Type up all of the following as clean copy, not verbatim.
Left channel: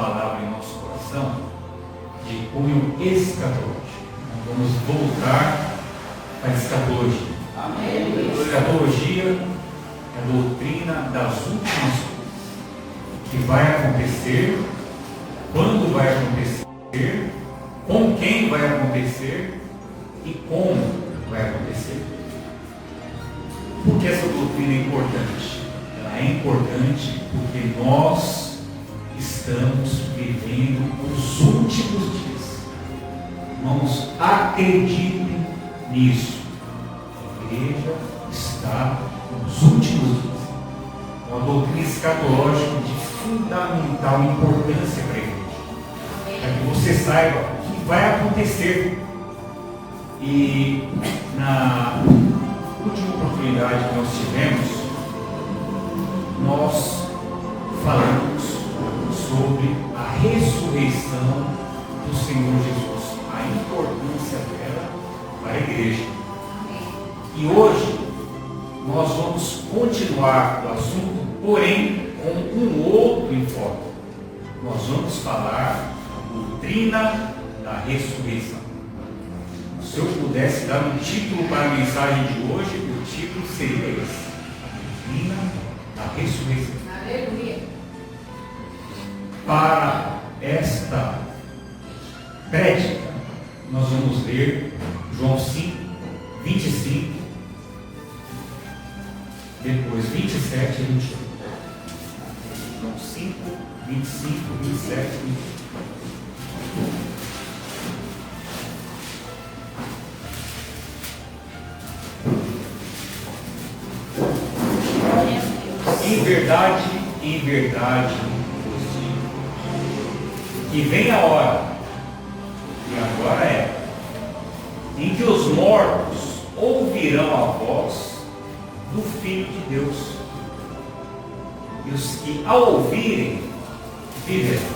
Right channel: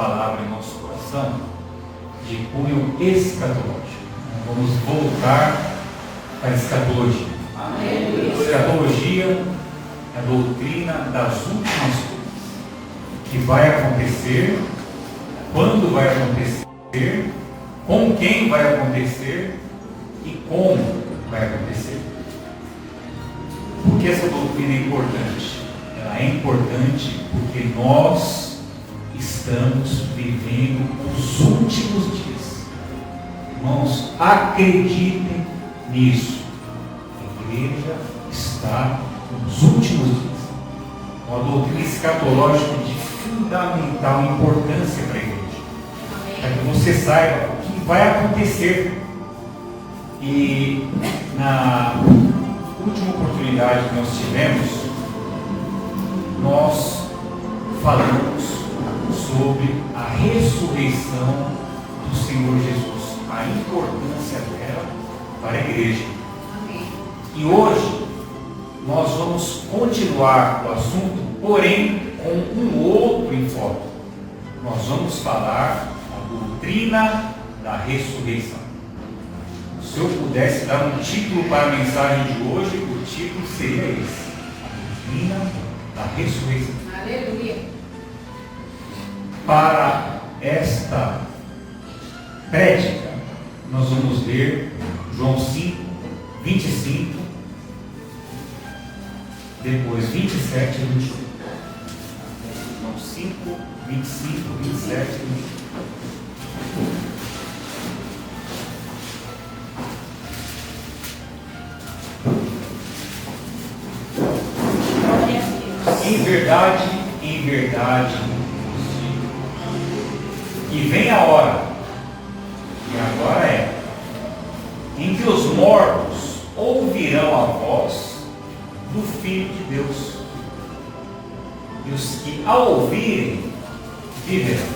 palavra em nosso coração de cunho escatológico. Vamos voltar para a escatologia. Amém. Escatologia é a doutrina das últimas coisas, que vai acontecer, quando vai acontecer, com quem vai acontecer e como vai acontecer. Por que essa doutrina é importante? Ela é importante porque nós estamos vivendo os últimos dias. Irmãos, acreditem nisso. A igreja está nos últimos dias. Uma doutrina escatológica de fundamental importância para a igreja, para que você saiba o que vai acontecer. E na última oportunidade que nós tivemos, nós falamos sobre a ressurreição do Senhor Jesus, a importância dela para a igreja. E hoje nós vamos continuar o assunto, porém com um outro enfoque. Nós vamos falar a doutrina da ressurreição. Se eu pudesse dar um título para a mensagem de hoje, o título seria esse: a doutrina da ressurreição. Aleluia. Para esta prédica, nós vamos ver João 5, 25, depois 27 e 28. João 5, 25, 27 e 28. Em verdade, e vem a hora, e agora é, em que os mortos ouvirão a voz do Filho de Deus, e os que ao ouvirem viverão.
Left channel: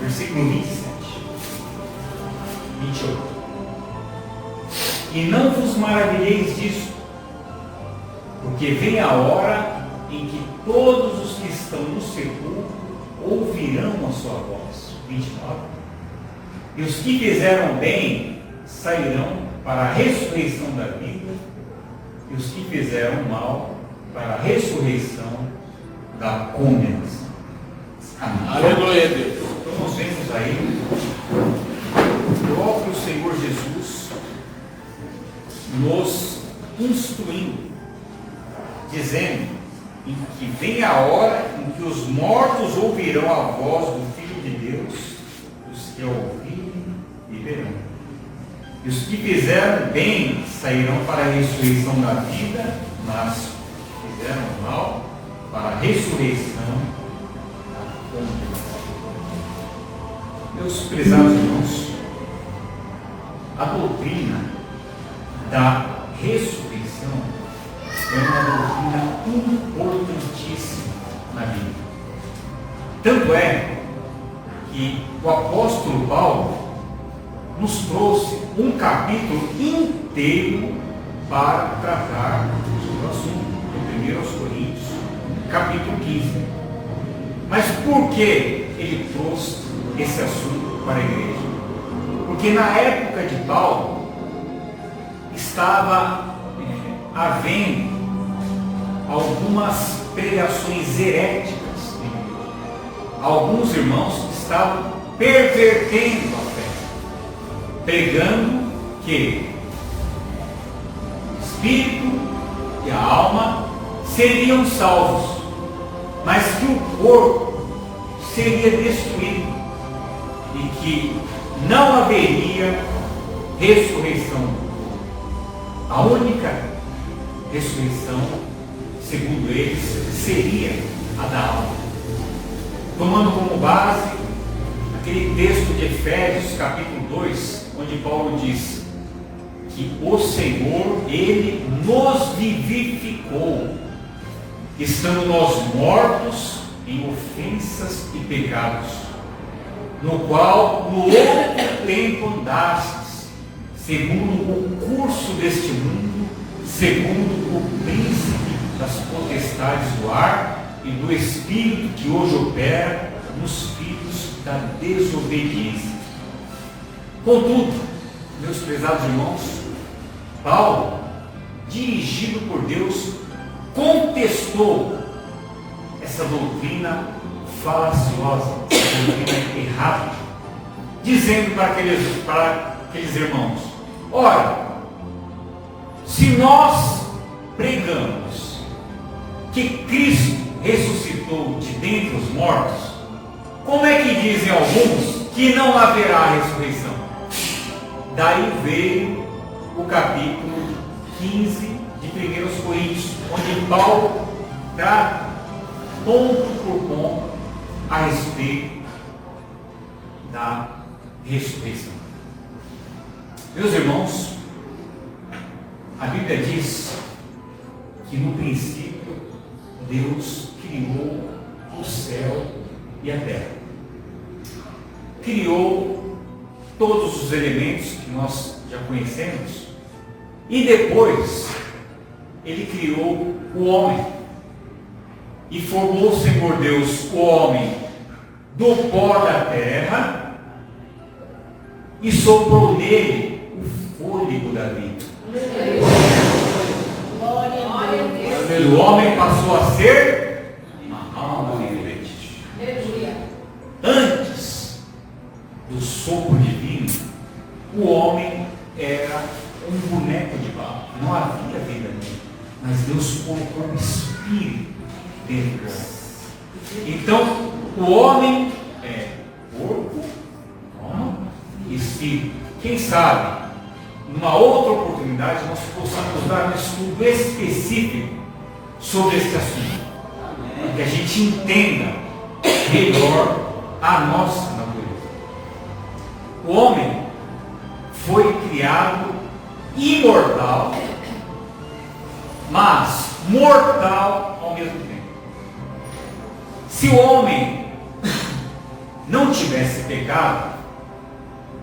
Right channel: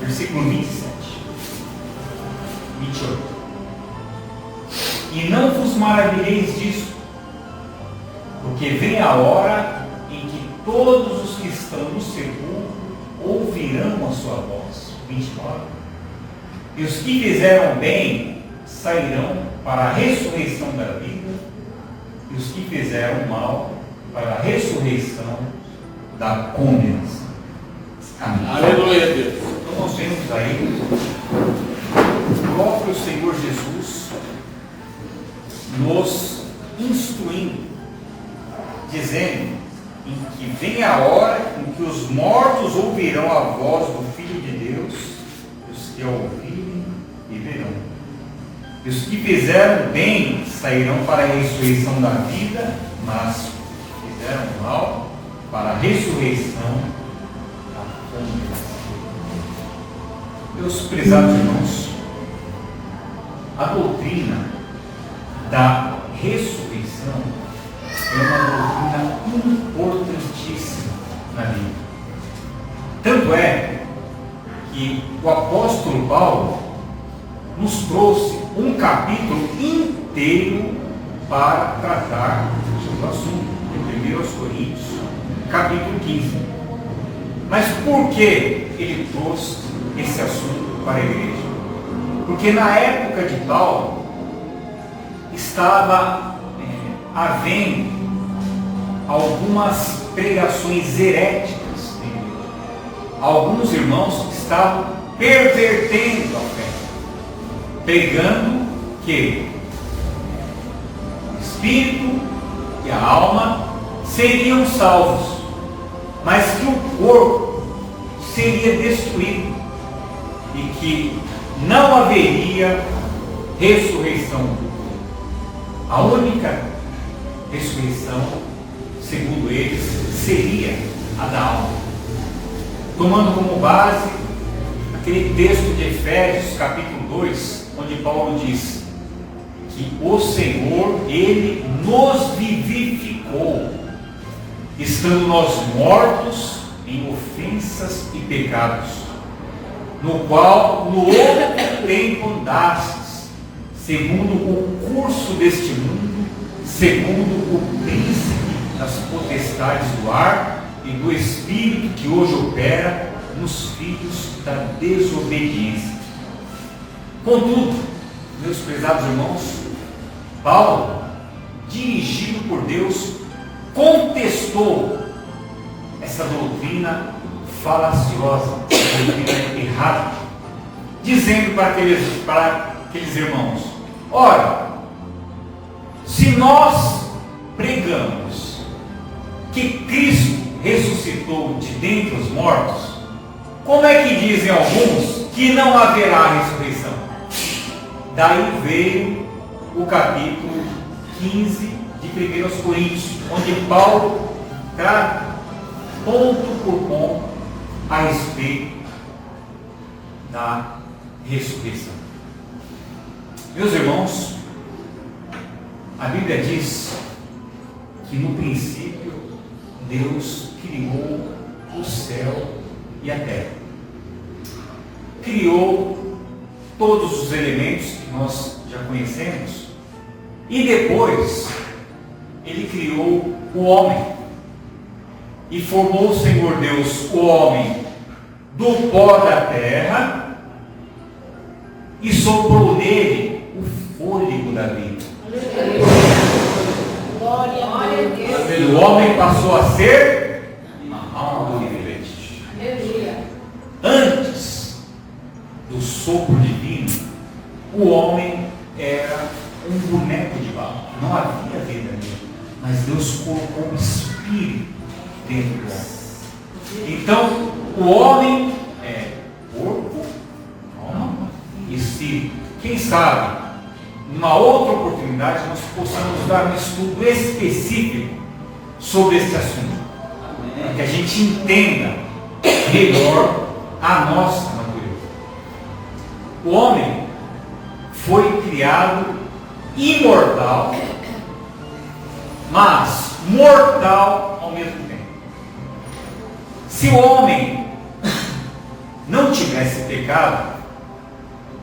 Versículo 27, 28. E não vos maravilheis disso, porque vem a hora em que todos os que estão no sepulcro ouvirão a sua voz. 29. E os que fizeram bem sairão para a ressurreição da vida, e os que fizeram mal para a ressurreição da condenação. Amém. Aleluia, Deus. Então nós vemos aí o próprio Senhor Jesus nos instruindo, dizendo em que vem a hora em que os mortos ouvirão a voz do Filho de Deus, e os que a ouvirem viverão. E os que fizeram bem sairão para a ressurreição da vida, mas os que fizeram mal para a ressurreição da condenação. Meus prezados irmãos, a doutrina da ressurreição é uma doutrina importantíssima na Bíblia. Tanto é que o apóstolo Paulo nos trouxe um capítulo inteiro para tratar sobre o assunto, em 1 Coríntios, capítulo 15. Mas por que ele trouxe esse assunto para a igreja? Porque na época de Paulo estava havendo algumas pregações heréticas. Alguns irmãos estavam pervertendo a fé, pregando que o espírito e a alma seriam salvos, mas que o corpo seria destruído e que não haveria ressurreição. A única ressurreição, segundo eles, seria a da alma. Tomando como base aquele texto de Efésios, capítulo 2, onde Paulo diz que o Senhor, Ele nos vivificou, estando nós mortos em ofensas e pecados, no qual no outro tempo andastes, segundo o curso deste mundo, segundo o príncipe das potestades do ar e do espírito que hoje opera nos filhos da desobediência. Contudo, meus prezados irmãos, Paulo, dirigido por Deus, contestou essa doutrina falaciosa, doutrina errada, dizendo para aqueles irmãos: ora, se nós pregamos que Cristo ressuscitou de dentre os mortos, como é que dizem alguns que não haverá ressurreição? Daí veio o capítulo 15 de 1 Coríntios, onde Paulo trata ponto por ponto a respeito da ressurreição. Meus irmãos, a Bíblia diz que no princípio Deus criou o céu e a terra. Criou todos os elementos que nós já conhecemos e depois Ele criou o homem e formou o Senhor Deus o homem do pó da terra e soprou nele o fôlego da vida. E o homem passou a ser uma alma vivente. Antes do sopro divino, o homem era um boneco de barro. Não havia vida nele, mas Deus colocou um espírito dentro do homem. Então, o homem é corpo, alma e espírito. Quem sabe, numa outra oportunidade, nós possamos dar um estudo específico sobre esse assunto, para que a gente entenda melhor a nossa natureza. O homem foi criado imortal, mas mortal ao mesmo tempo. Se o homem não tivesse pecado,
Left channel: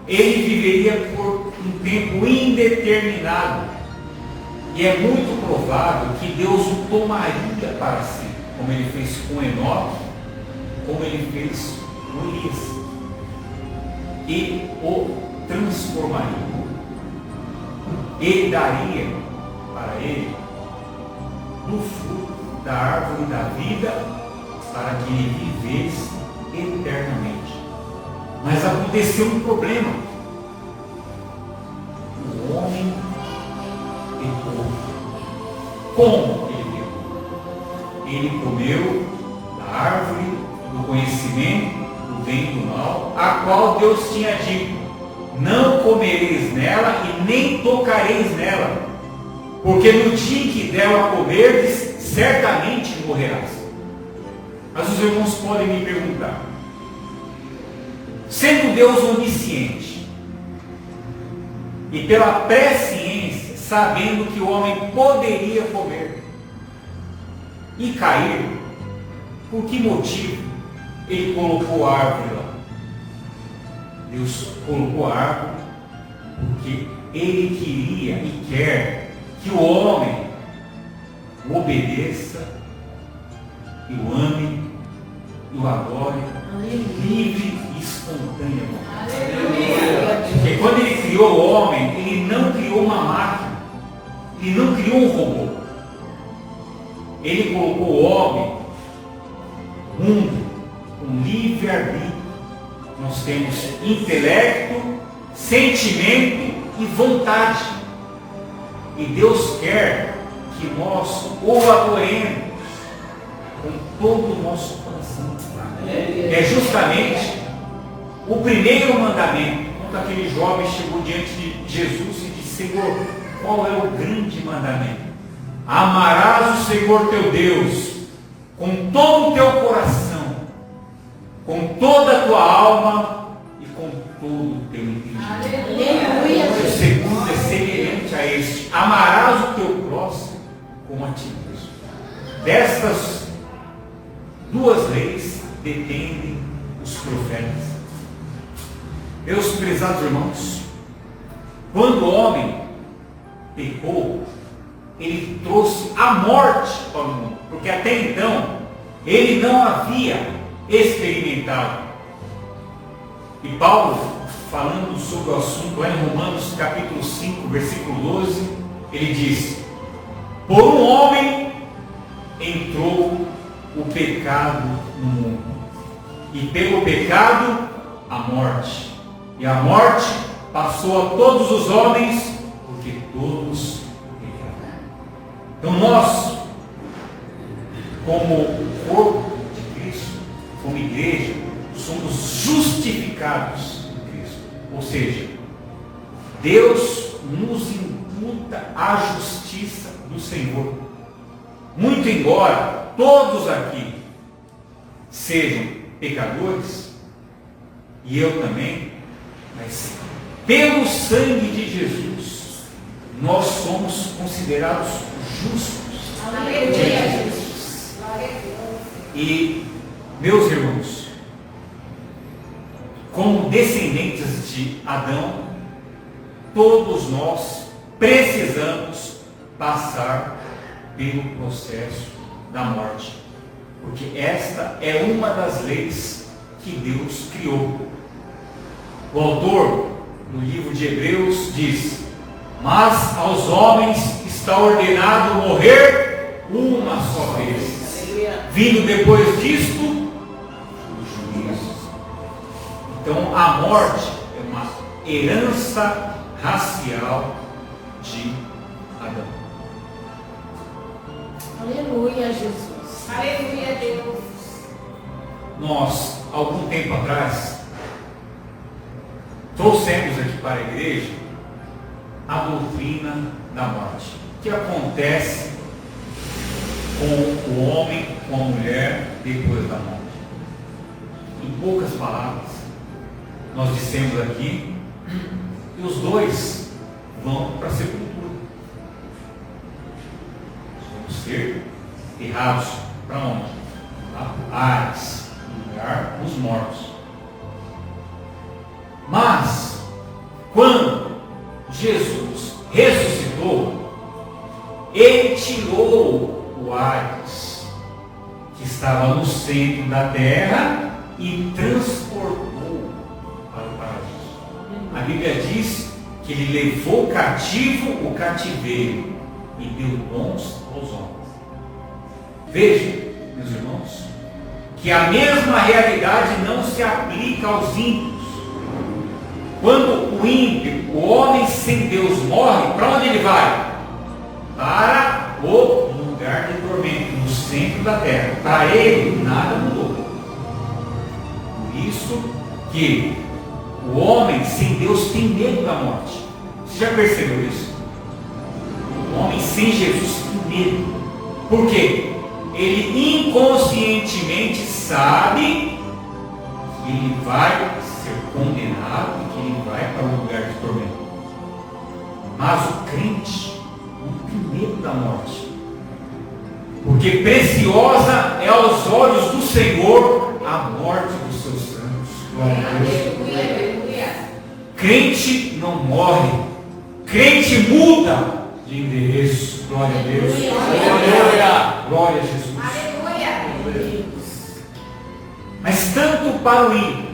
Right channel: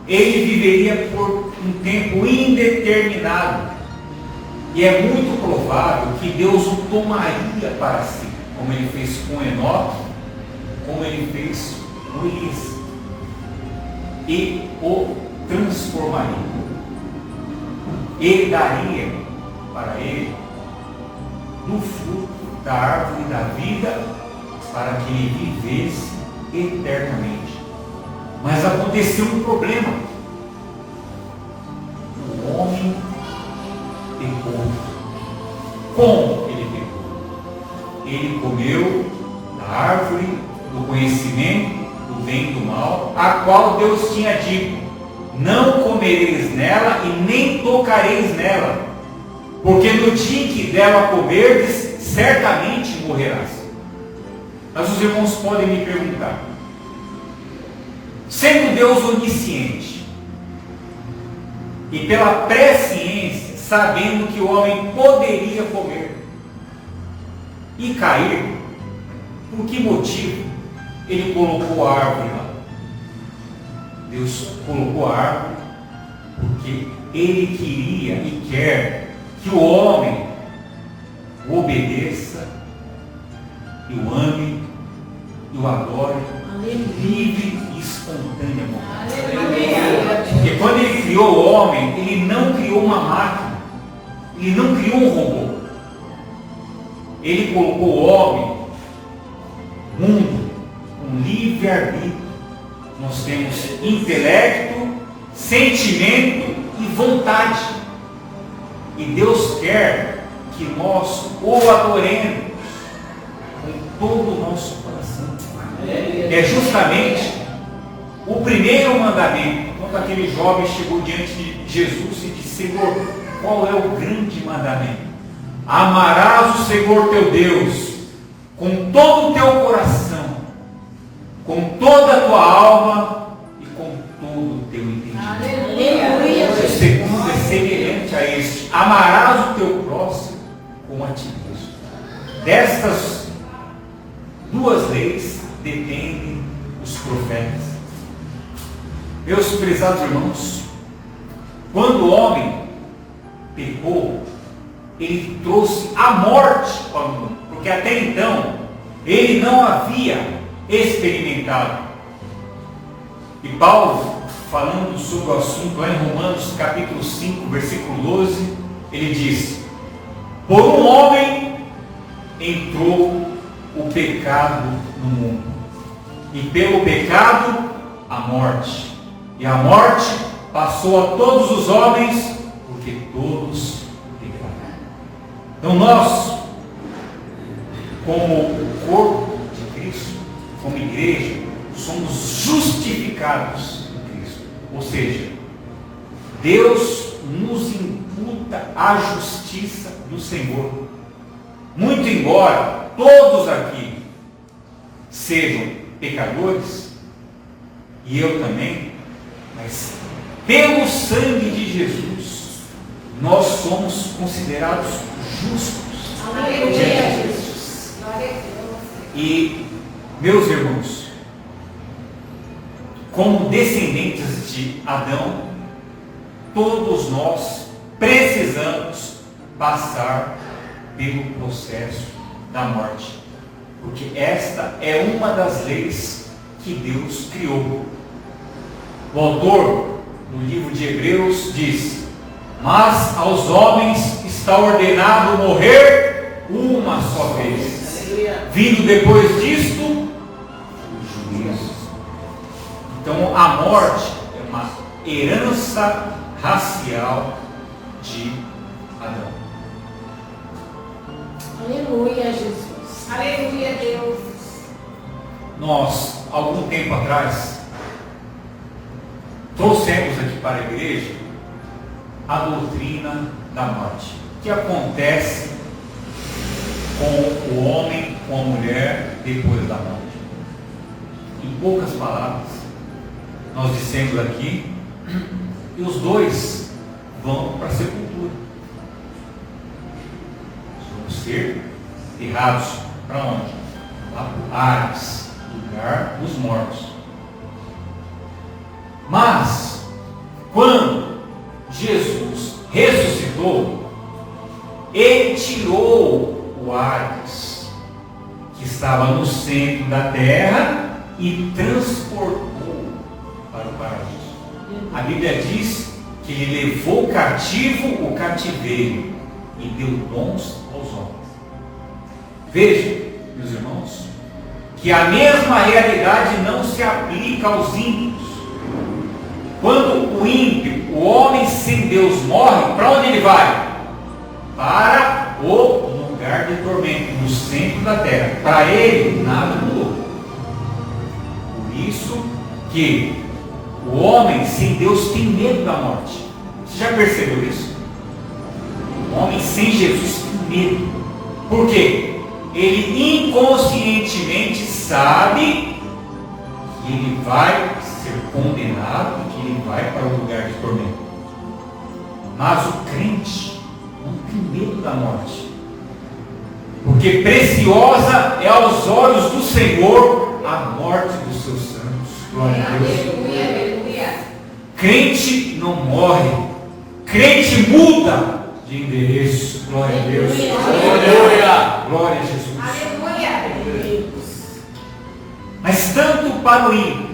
ele viveria por um tempo indeterminado. E é muito provável que Deus o tomaria para si, como ele fez com Enoque, como ele fez com Elias, e o transformaria. Ele daria para ele do fruto da árvore da vida, para que ele vivesse eternamente. Mas aconteceu um problema. O homem pecou. Como ele pecou? Ele comeu da árvore do conhecimento do bem e do mal, a qual Deus tinha dito: não comereis nela e nem tocareis nela, porque no dia em que dela comerdes, certamente morrerás. Mas os irmãos podem me perguntar: sendo Deus onisciente e pela presciência, sabendo que o homem poderia comer e cair, por que motivo ele colocou a árvore lá? Deus colocou a árvore porque ele queria e quer que o homem o obedeça e o ame e o adore livre e espontaneamente. Porque quando ele criou o homem, ele não criou uma máquina, ele não criou um robô. Ele colocou o homem mundo, um livre-arbítrio. Nós temos intelecto, sentimento e vontade. E Deus quer que nós o adoremos com todo o nosso coração. É justamente o primeiro mandamento. Quando aquele jovem chegou diante de Jesus e disse: Senhor, qual é o grande mandamento? Amarás o Senhor teu Deus com todo o teu coração, com toda a tua alma e com todo o teu entendimento. O segundo é semelhante a este: amarás o teu próximo como a ti mesmo. Destas duas leis dependem os profetas. Meus prezados irmãos, quando o homem pecou, ele trouxe a morte para o mundo, porque até então ele não havia experimentado. E Paulo, falando sobre o assunto lá em Romanos capítulo 5, versículo 12, ele diz: por um homem entrou o pecado no mundo, e pelo pecado a morte, e a morte passou a todos os homens, porque todos pecaram. Então nós, como corpo de Cristo, como igreja, somos justificados em Cristo. Ou seja, Deus nos imputa a justiça do Senhor. Muito embora todos aqui sejam pecadores, e eu também, mas pelo sangue de Jesus, nós somos considerados justos. Aleluia. Jesus. E, meus irmãos, como descendentes de Adão, todos nós precisamos passar pelo processo da morte, porque esta é uma das leis que Deus criou. O autor, no livro de Hebreus, diz: mas aos homens está ordenado morrer uma só vez, vindo depois disto o juízo. Então a morte é uma herança racial de Adão. Aleluia, Jesus. Aleluia, Deus. Nós, algum tempo atrás, trouxemos aqui para a igreja a doutrina da morte, que acontece com o homem, com a mulher, depois da morte. Em poucas palavras, nós dissemos aqui que os dois vão para a sepultura. Vamos ser enterrados para onde? Lá para Hades, lugar dos mortos. Mas, quando Jesus ressuscitou, ele tirou o Hades, que estava no centro da terra, e transportou para o paraíso. A Bíblia diz que ele levou cativo o cativeiro e deu dons aos homens. Veja, meus irmãos, que a mesma realidade não se aplica aos ímpios. Quando o ímpio, o homem sem Deus, morre, para onde ele vai? Para o lugar de tormento, no centro da terra. Para ele, nada mudou. Por isso que o homem sem Deus tem medo da morte. Você já percebeu isso? O homem sem Jesus tem medo. Por quê? Ele inconscientemente sabe que ele vai ser condenado e que ele vai para o lugar de tormento. Mas o crente não tem medo da morte, porque preciosa é aos olhos do Senhor a morte dos seus santos. Glória a Deus. Crente não morre, crente muda de endereço. Glória a Deus. Glória a Jesus. Mas tanto para o ímpio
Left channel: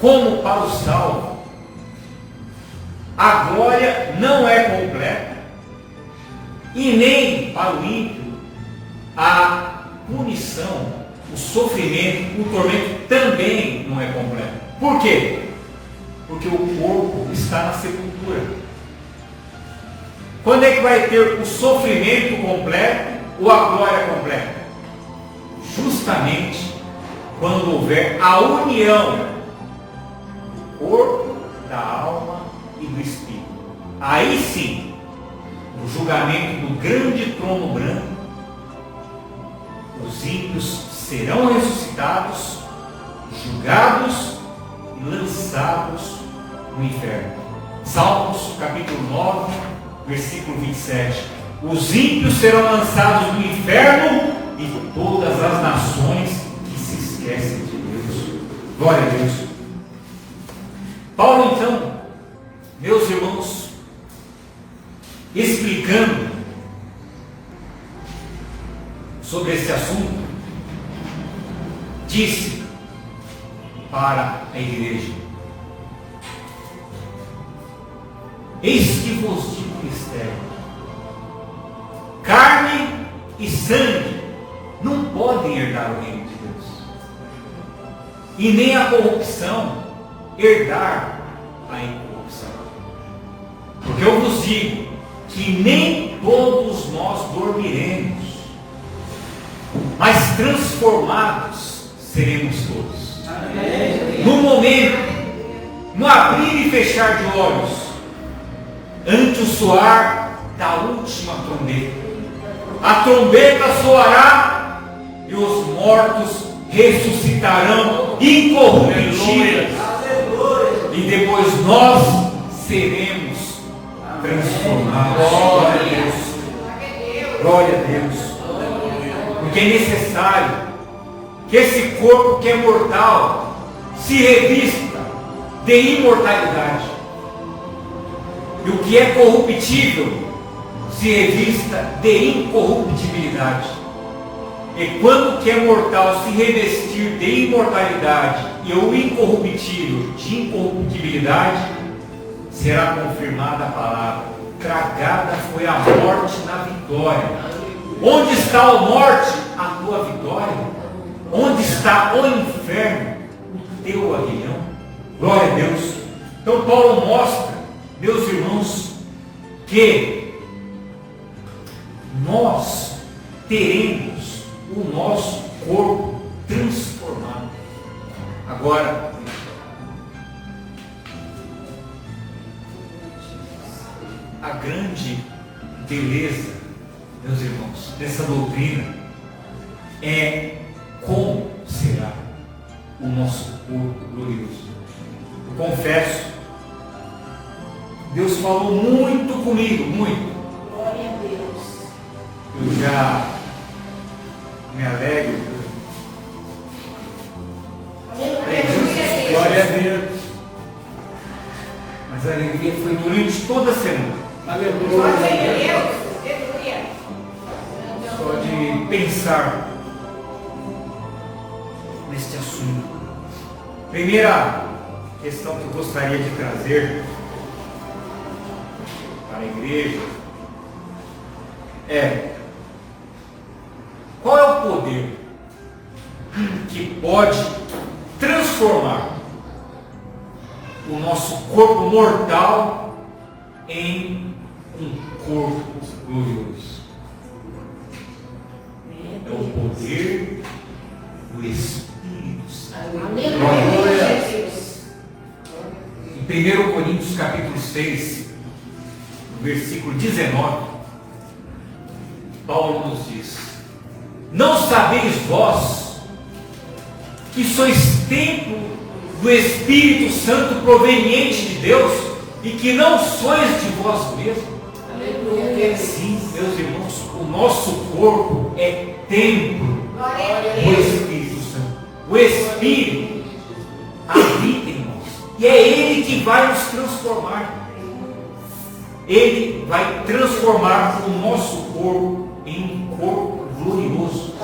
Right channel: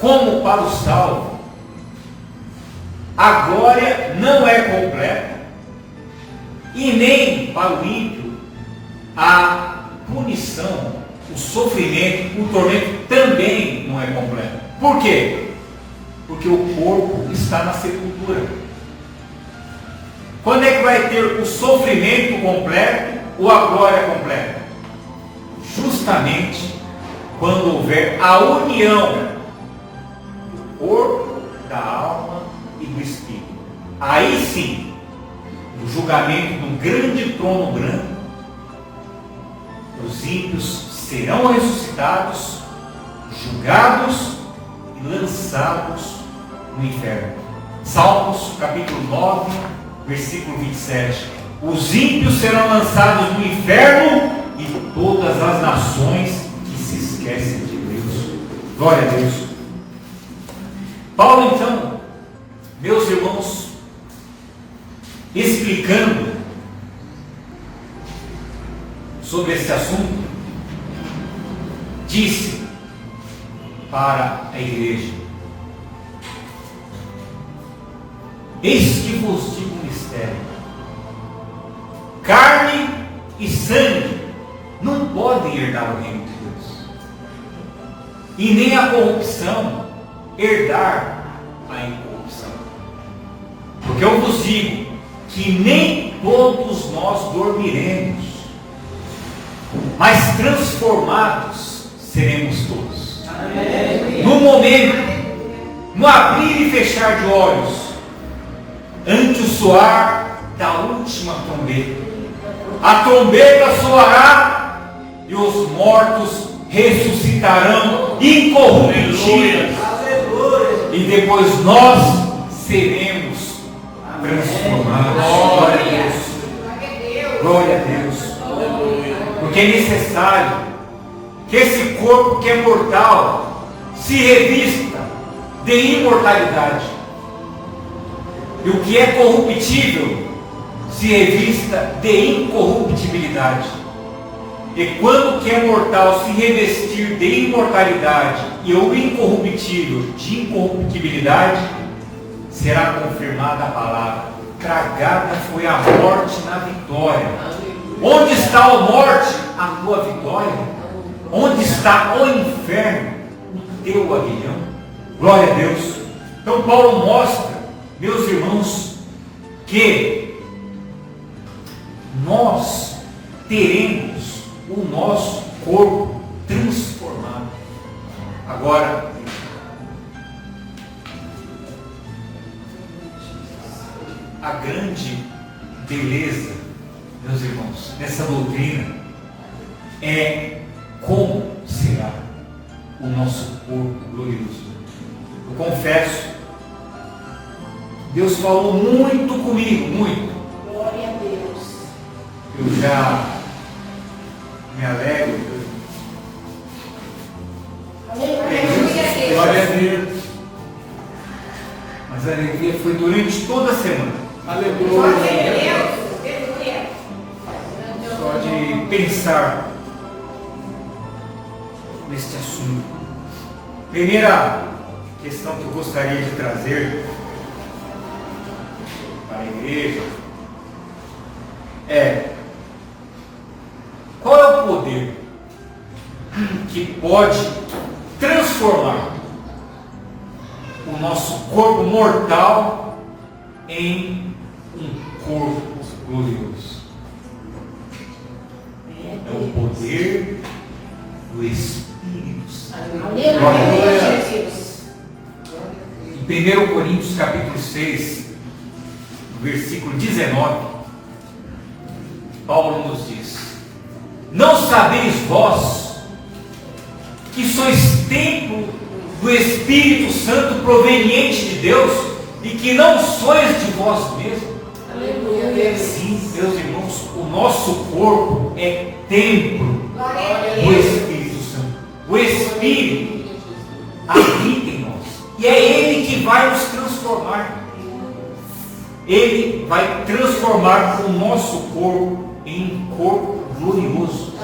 como para o salvo, a glória não é completa, e nem para o ímpio a punição, o sofrimento, o tormento também não é completo. Por quê? Porque o corpo está na sepultura. Quando é que vai ter o sofrimento completo ou a glória completa? Justamente quando houver a união do corpo, da alma e do espírito. Aí sim, no julgamento do grande trono branco, os ímpios serão ressuscitados, julgados e lançados no inferno. Salmos capítulo 9, versículo 27. Os ímpios serão lançados no inferno e todas as nações que se esquecem de Deus. Glória a Deus. Paulo, então, meus irmãos, explicando sobre esse assunto, disse para a igreja: eis que vos digo um mistério, carne e sangue não podem herdar o reino de Deus, e nem a corrupção herdar a incorrupção. Porque eu vos digo que nem todos nós dormiremos, mas transformados seremos todos. Amém. No momento, no abrir e fechar de olhos, ante o soar da última trombeta, a trombeta soará e os mortos ressuscitarão incorruptíveis, e depois nós seremos transformados. Glória a Deus. Glória a Deus. Porque é necessário que esse corpo que é mortal se revista de imortalidade, e o que é corruptível se revista de incorruptibilidade. E quando o que é mortal se revestir de imortalidade e o incorruptível de incorruptibilidade, será confirmada a palavra: tragada foi a morte na vitória. Onde está a morte, a tua vitória? Onde está o inferno, o teu aguilhão? Glória a Deus. Então Paulo mostra, meus irmãos, que nós teremos o nosso corpo transformado. Agora, a grande beleza, meus irmãos, dessa doutrina é como será o nosso corpo glorioso. Eu confesso, Deus falou muito comigo, muito. Glória a Deus. Eu já me alegro. Glória a Deus. Mas a alegria foi durante toda a semana. Aleluia. Só de pensar neste assunto. Primeira questão que eu gostaria de trazer para a igreja é: qual é o poder que pode transformar o nosso corpo mortal em um corpo glorioso? É o poder do Espírito Santo. Aleluia, Jesus. Em 1 Coríntios capítulo 6, versículo 19, Paulo nos diz: não sabeis vós que sois templo do Espírito Santo proveniente de Deus, e que não sois de vós mesmos? Aleluia. Sim, meus irmãos, o nosso corpo é templo do Espírito Santo. O Espírito habita em nós, e é Ele que vai nos transformar. Ele vai transformar o nosso corpo em um corpo glorioso.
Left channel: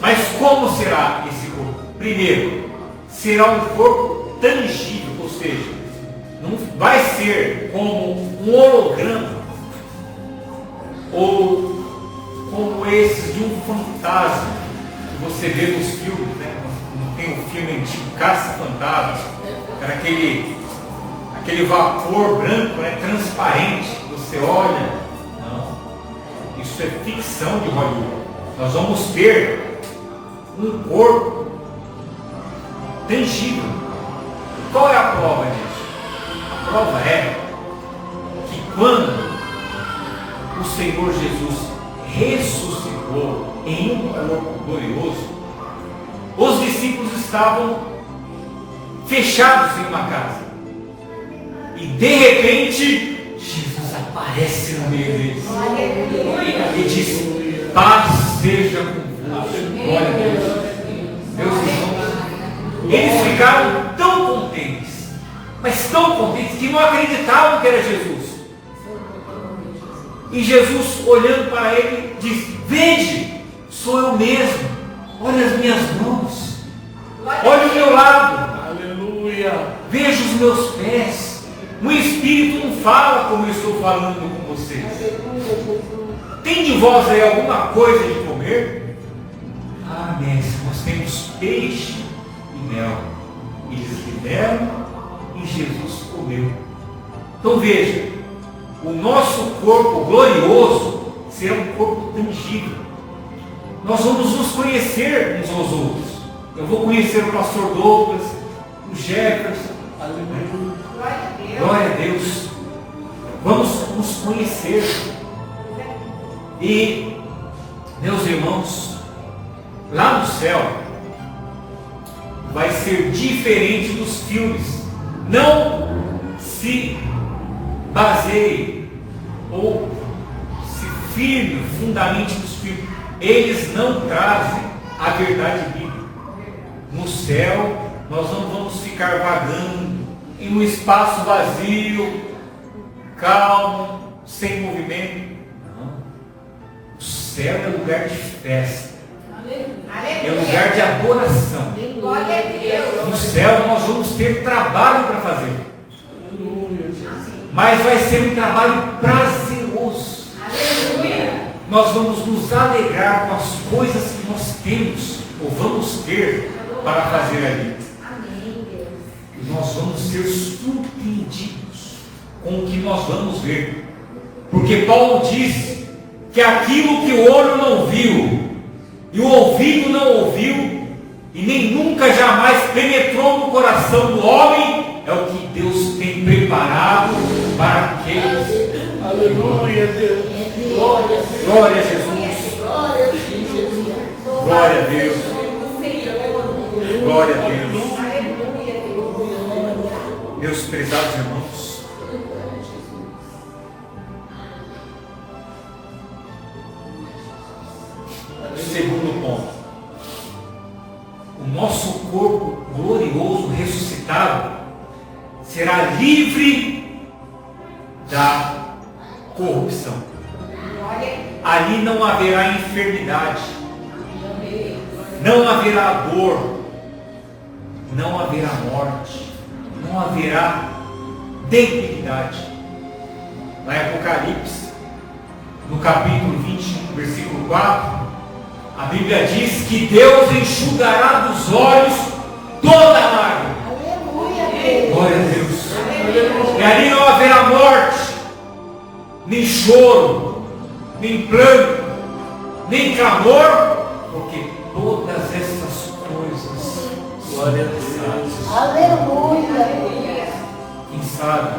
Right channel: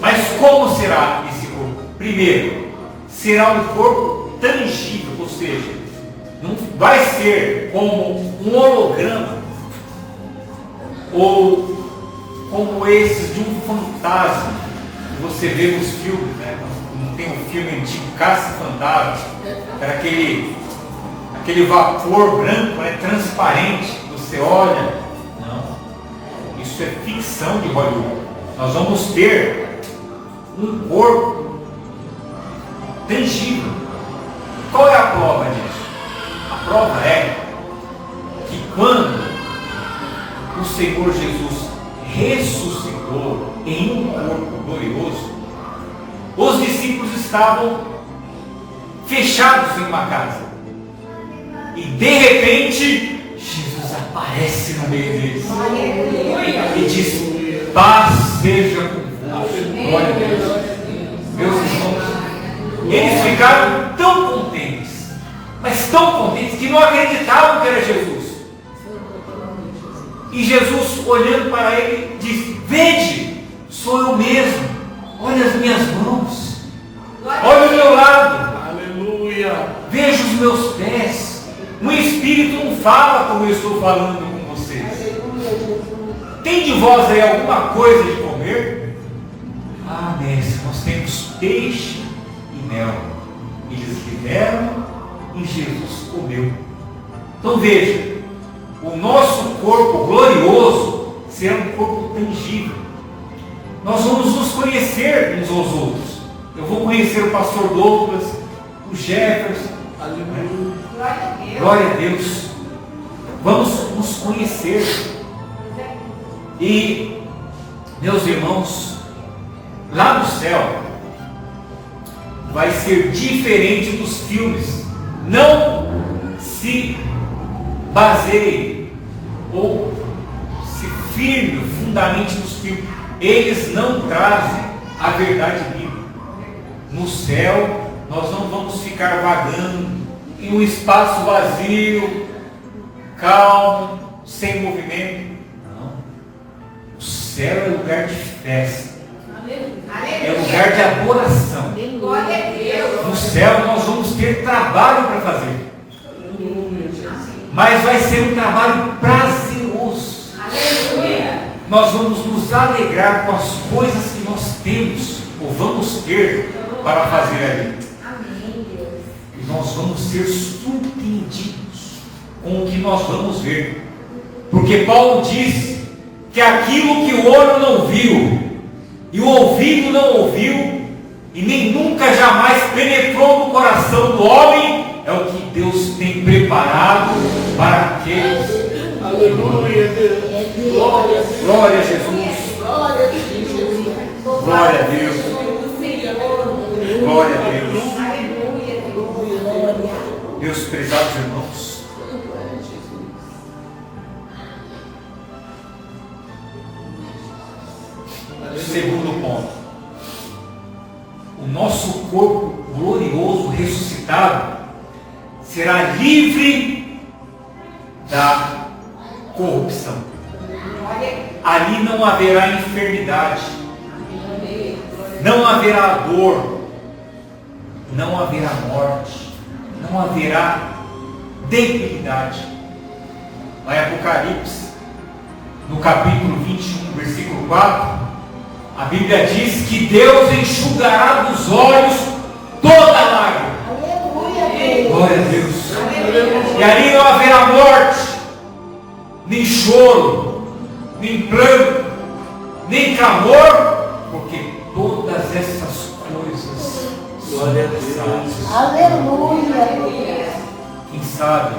Mas como será esse corpo? Primeiro, será um corpo tangível, ou seja, não vai ser como um holograma ou como esses de um fantasma que você vê nos filmes, né? Não tem um filme antigo, Caça-Fantasmas, era aquele vapor branco, né, transparente, que você olha. Não, isso é ficção de Hollywood. Nós vamos ter um corpo tangível. Qual é a prova disso? A prova é que quando o Senhor Jesus ressuscitou em um corpo glorioso, os discípulos estavam fechados em uma casa, e de repente Jesus aparece no meio deles e diz: paz seja convosco. Glória a Deus. Meus irmãos, eles ficaram tão contentes, mas tão contentes, que não acreditavam que era Jesus. E Jesus, olhando para ele, disse: vede, sou eu mesmo. Olha as minhas mãos. Olha o meu lado. Aleluia. Veja os meus pés. O Espírito não fala como eu estou falando com vocês. Tem de vós aí alguma coisa de comer? Ah, mestre, nós temos peixe e mel. Eles liberam e Jesus comeu. Então veja, o nosso corpo glorioso será um corpo tangível. Nós vamos nos conhecer uns aos outros. Eu vou conhecer o pastor Douglas, o Jefferson. Aleluia. Glória a Deus. Vamos nos conhecer. E, meus irmãos, lá no céu vai ser diferente dos filmes. Não se baseie ou se firme, fundamente nos filmes. Eles não trazem a verdade bíblica. No céu, nós não vamos ficar vagando em um espaço vazio, calmo, sem movimento. Não. O céu é lugar de festa. É lugar de adoração. No céu nós vamos ter trabalho para fazer. Mas vai ser um trabalho prazeroso. Nós vamos nos alegrar com as coisas que nós temos ou vamos ter para fazer ali. E nós vamos ser surpreendidos com o que nós vamos ver. Porque Paulo diz que aquilo que o olho não viu e o ouvido não ouviu e nem nunca jamais penetrou no coração do homem é o que Deus tem preparado para aqueles. Aleluia, Deus. Glória a Deus. Glória a Jesus. Glória a Deus. Glória a Deus. Meus prezados irmãos, segundo ponto, o nosso corpo glorioso ressuscitado será livre da corrupção. Ali não haverá enfermidade, não haverá dor, não haverá morte, não haverá debilidade. No Apocalipse, no capítulo 21, versículo 4, a Bíblia diz que Deus enxugará dos olhos toda a lágrima. Glória a Deus. E ali não haverá morte, nem choro, nem pranto, nem clamor, porque todas essas coisas Glória a Deus. Aleluia. Quem sabe,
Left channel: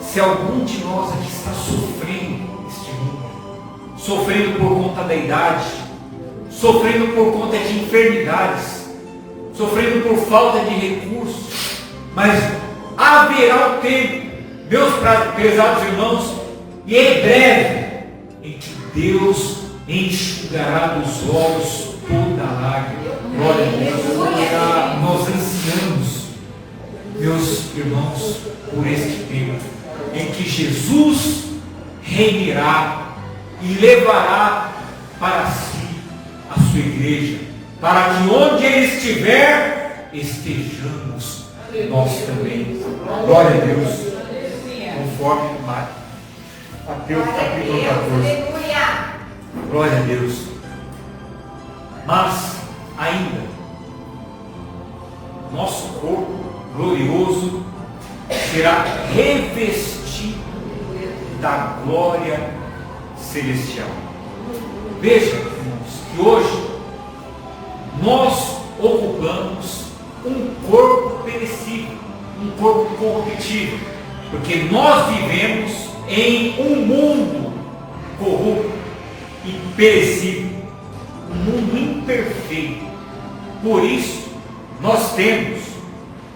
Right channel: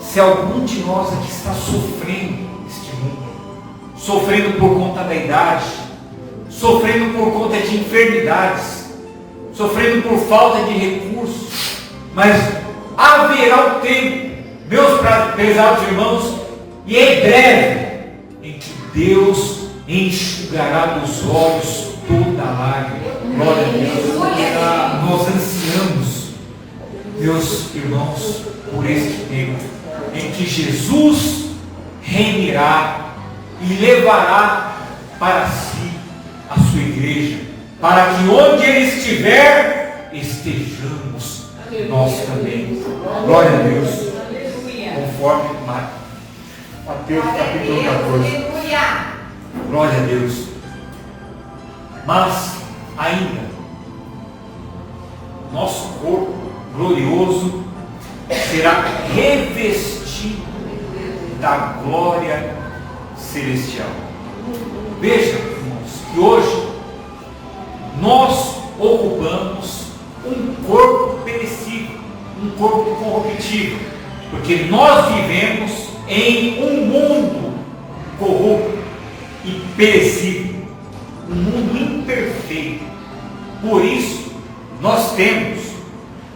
se algum de nós aqui está sofrendo neste mundo, sofrendo por conta da idade, sofrendo por conta de enfermidades, sofrendo por falta de recursos, mas haverá um tempo, meus prezados irmãos, e em breve, em que Deus enxugará dos olhos toda a lágrima. Glória a Deus. Nós ansiamos, meus irmãos, por este tempo em que Jesus reinará e levará para si a sua igreja, para que onde Ele estiver, estejamos nós também. Glória a Deus. Conforme Mateus capítulo 14. Glória a Deus. Mas ainda, nosso corpo glorioso será revestido da glória celestial. Veja, irmãos, que hoje nós ocupamos um corpo perecível, um corpo corruptível, porque nós vivemos em um mundo corrupto e perecível, um mundo imperfeito. Por isso, nós temos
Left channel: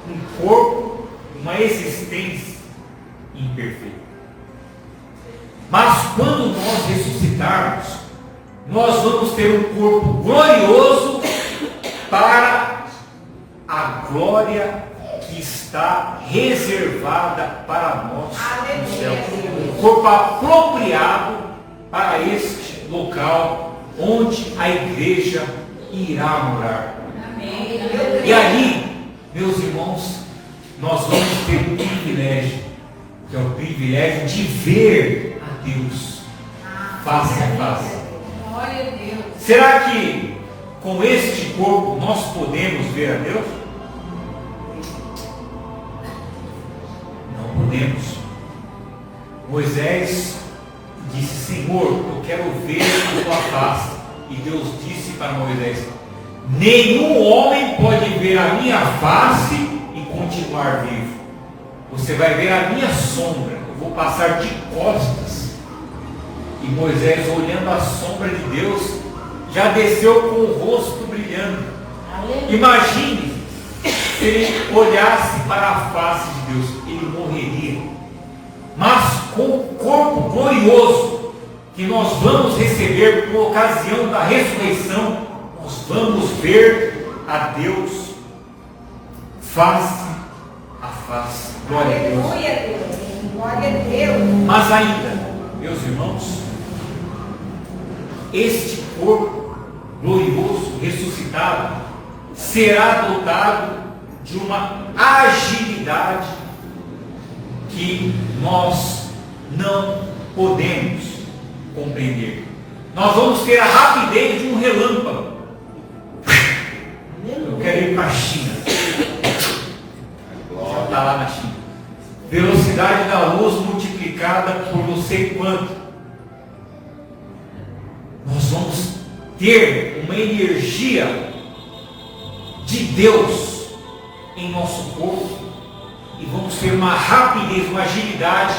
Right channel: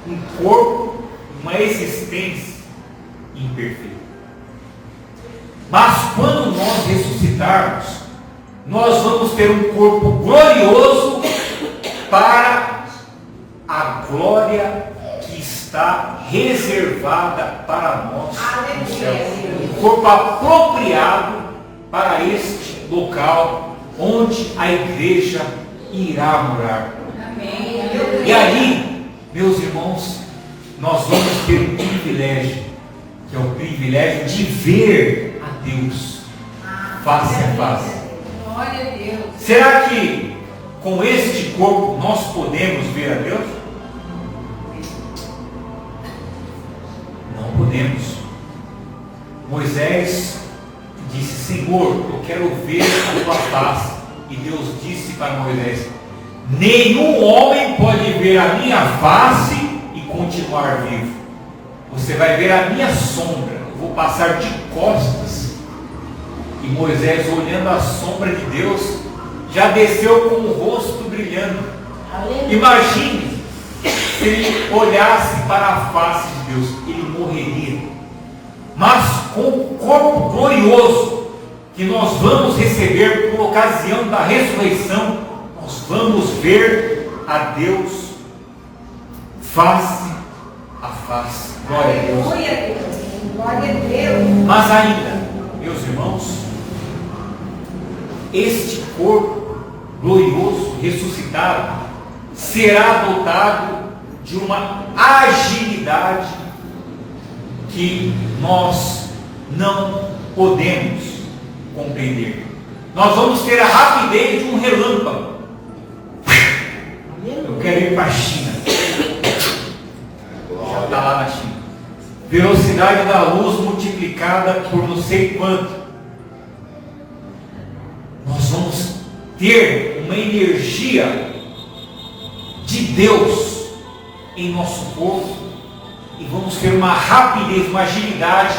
um corpo, uma existência imperfeita. Mas quando nós ressuscitarmos, nós vamos ter um corpo glorioso para a glória que está reservada para nós no céu. Um corpo apropriado para este local onde a igreja irá morar. E aí, meus irmãos, nós vamos ter um privilégio, que é o privilégio de ver a Deus face a face. Glória a Deus. Será que com este corpo nós podemos ver a Deus? Não podemos. Moisés disse: Senhor, eu quero ver a tua face. E Deus disse para Moisés: nenhum homem pode ver a minha face e continuar vivo. Você vai ver a minha sombra. Eu vou passar de costas. E Moisés, olhando a sombra de Deus, já desceu com o rosto brilhando. Imagine se ele olhasse para a face de Deus, ele morreria. Mas com o corpo glorioso que nós vamos receber por ocasião da ressurreição, nós vamos ver a Deus face a face. Glória a Deus. Glória a Deus. Mas ainda, meus irmãos, este corpo glorioso, ressuscitado, será dotado de uma agilidade que nós não podemos compreender. Nós vamos ter a rapidez de um relâmpago. Eu quero ir para a China. Já está lá na China. Velocidade da luz multiplicada por não sei quanto. Nós vamos ter uma energia de Deus em nosso corpo e vamos ter uma rapidez, uma agilidade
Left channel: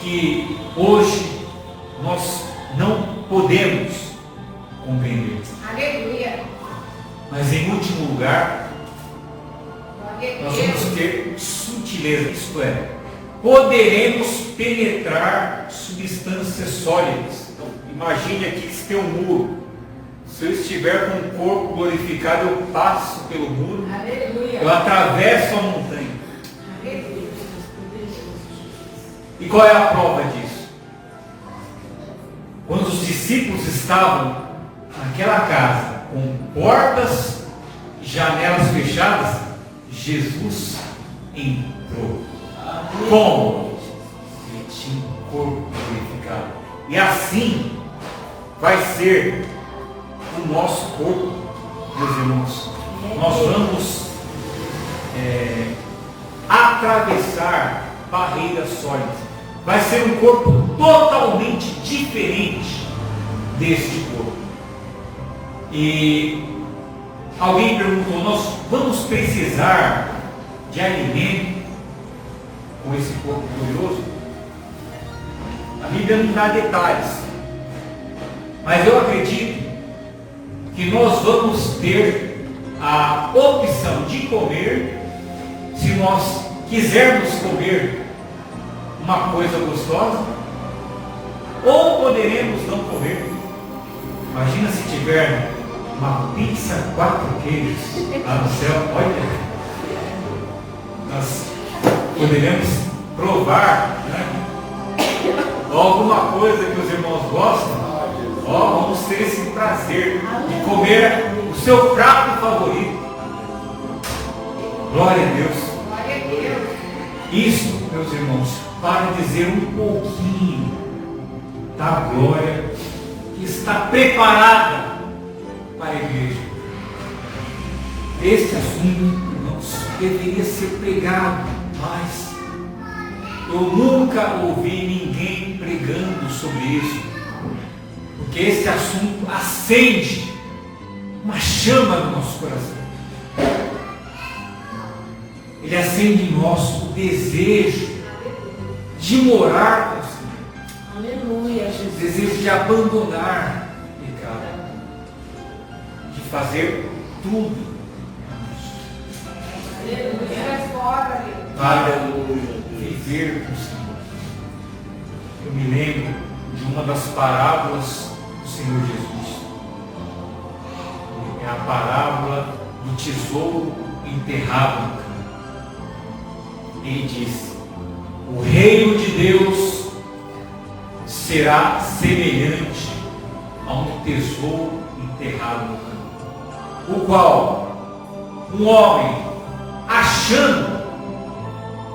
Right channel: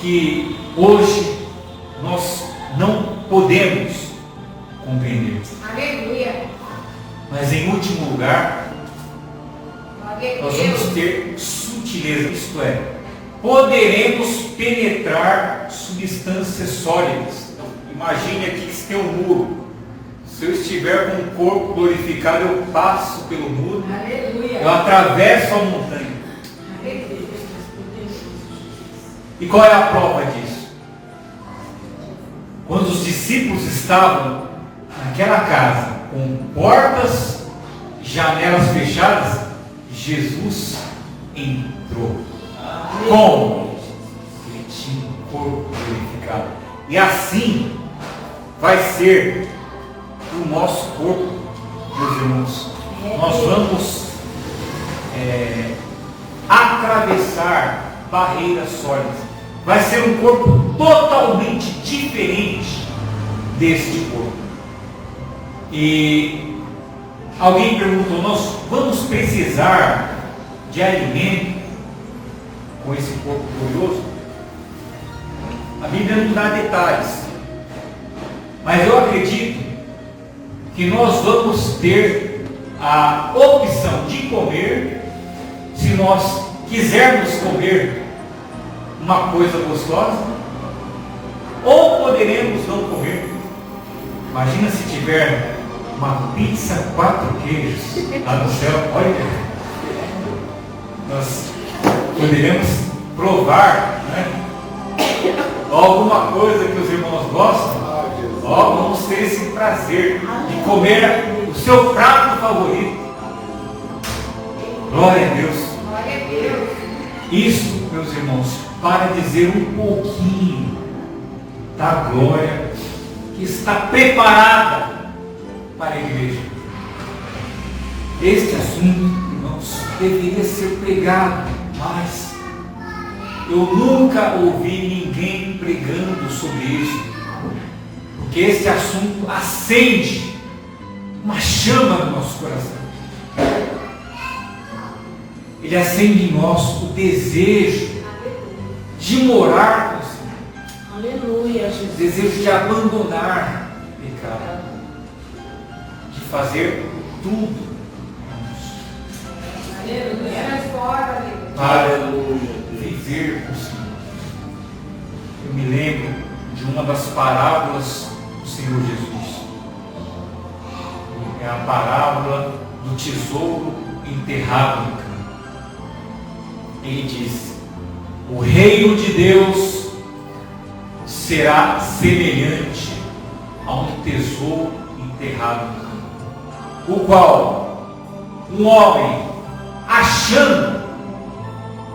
que hoje nós não podemos compreender. Aleluia. Mas em último lugar, Glória a nós Deus. vamos ter sutileza, isto é, poderemos penetrar substâncias sólidas. Imagine aqui que se tem um muro. Se eu estiver com o corpo glorificado, eu passo pelo muro, Aleluia. eu atravesso a montanha. Aleluia. E qual é a prova disso? Quando os discípulos estavam naquela casa, com portas e janelas fechadas, Jesus entrou. Como? Ele tinha um corpo glorificado. E assim vai ser o nosso corpo, meus irmãos. Nós vamos atravessar barreiras sólidas. Vai ser um corpo totalmente diferente deste corpo. E alguém perguntou: nós vamos precisar de alimento com esse corpo glorioso? A Bíblia não dá detalhes, mas eu acredito que nós vamos ter a opção de comer, se nós quisermos comer uma coisa gostosa, ou poderemos não comer. Imagina se tiver uma pizza 4 queijos lá no céu, olha, nós poderemos provar, né? Alguma coisa que os irmãos gostam. Vamos ter esse prazer de comer o seu prato favorito. Glória a Deus. Glória a Deus. Isso, meus irmãos, para dizer um pouquinho da glória que está preparada para a igreja. Este assunto, irmãos, deveria ser pregado, mas eu nunca ouvi ninguém pregando sobre isso, porque esse assunto acende uma chama no nosso coração. Ele acende em nós o desejo de morar com o Senhor. Aleluia, O Jesus. desejo de abandonar o pecado, de fazer tudo Aleluia. Fora, Deus. para viver com o Senhor. Eu me lembro de uma das parábolas do Senhor Jesus. É a parábola do tesouro enterrado no campo. Ele diz: o reino de Deus será semelhante a um tesouro enterrado no campo. o qual um homem, achando,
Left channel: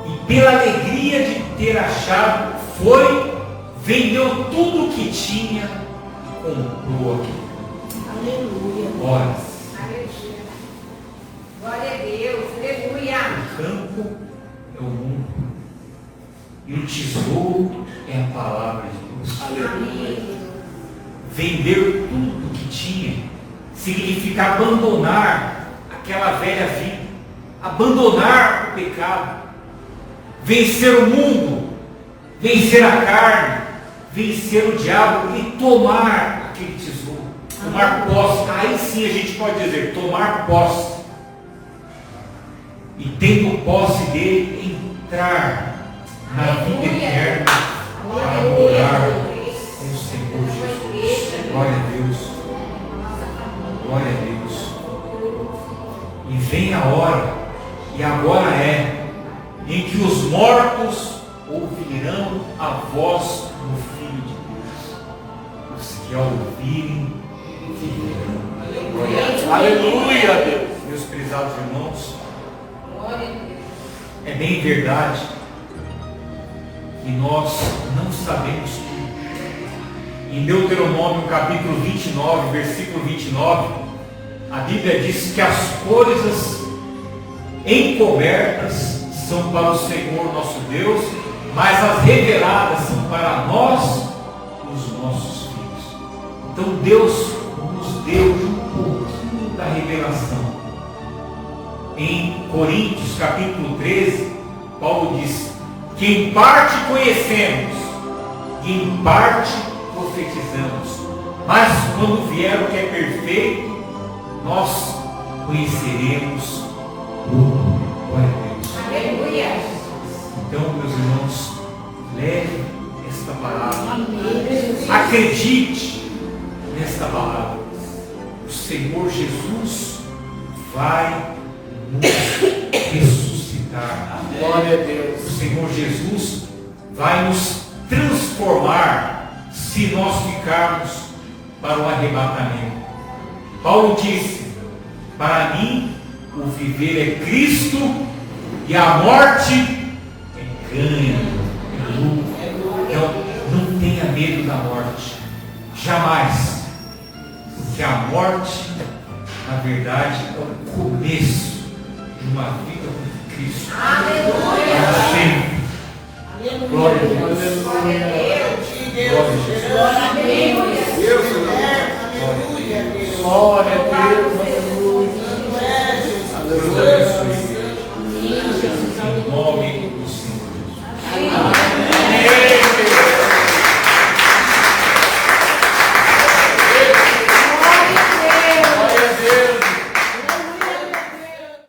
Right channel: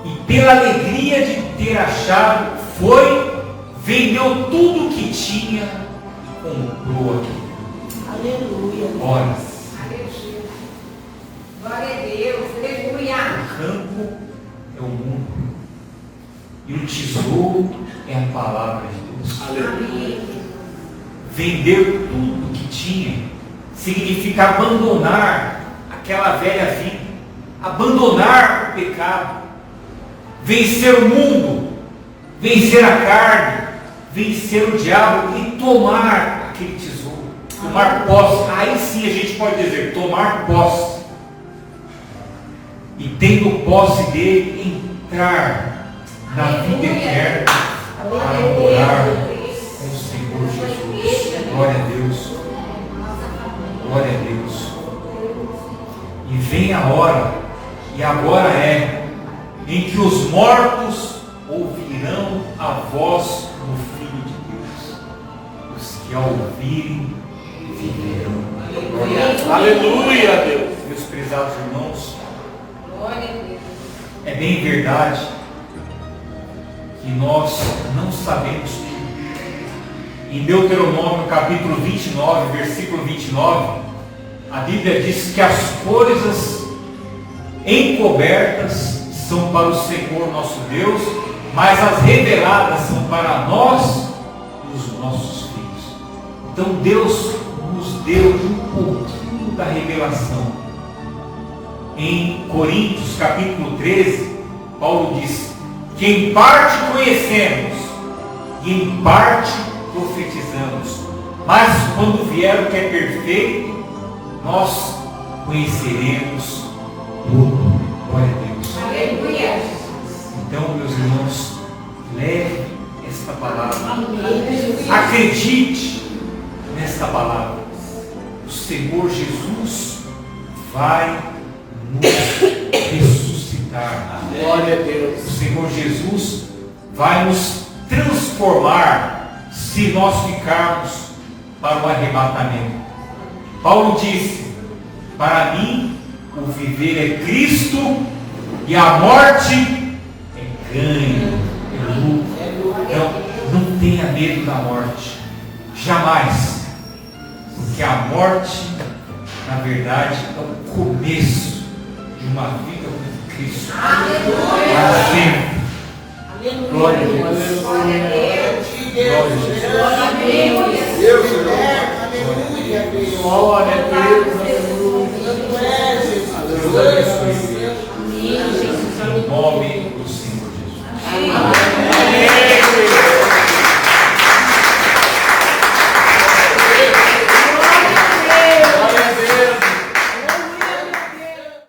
e pela alegria de ter achado, foi, vendeu tudo o que tinha, comprou aquilo. Aleluia. Ora, Aleluia. Glória a Deus. Aleluia. o campo é o mundo, e o tesouro é a palavra de Deus. Aleluia. Vender tudo o que tinha significa abandonar aquela velha vida, abandonar o pecado, vencer o mundo, vencer a carne, vencer o diabo e tomar aquele tesouro, tomar posse. Aí sim a gente pode dizer, tomar posse. E tendo posse dele, entrar na vida eterna para morar com o Senhor Jesus. Glória a Deus. Glória a Deus. E vem a hora, e agora é, em que os mortos ouvirão a voz do Filho de Deus. Os que a ouvirem viverão. Glória a Deus. Aleluia, Deus. Meus prezados irmãos, Glória a Deus. é bem verdade que nós não sabemos tudo. Em Deuteronômio capítulo 29, versículo 29, a Bíblia diz que as coisas encobertas são para o Senhor nosso Deus, mas as reveladas são para nós e os nossos filhos. Então Deus nos deu um pouquinho da revelação. Em Coríntios capítulo 13, Paulo diz que em parte conhecemos e em parte profetizamos, mas quando vier o que é perfeito, nós conheceremos tudo. Glória a Deus. Aleluia. Então, meus irmãos, leve esta palavra, Amém. acredite nesta palavra. O Senhor Jesus vai nos ressuscitar. Glória a O Deus. Senhor Jesus vai nos transformar se nós ficarmos para o arrebatamento. Paulo disse: para mim o viver é Cristo e a morte é ganho, é lucro. Então não tenha medo da morte, jamais, porque a morte, na verdade, é o começo de uma vida com Cristo para sempre. Aleluia. Glória a Deus. Aleluia. Glória a Jesus.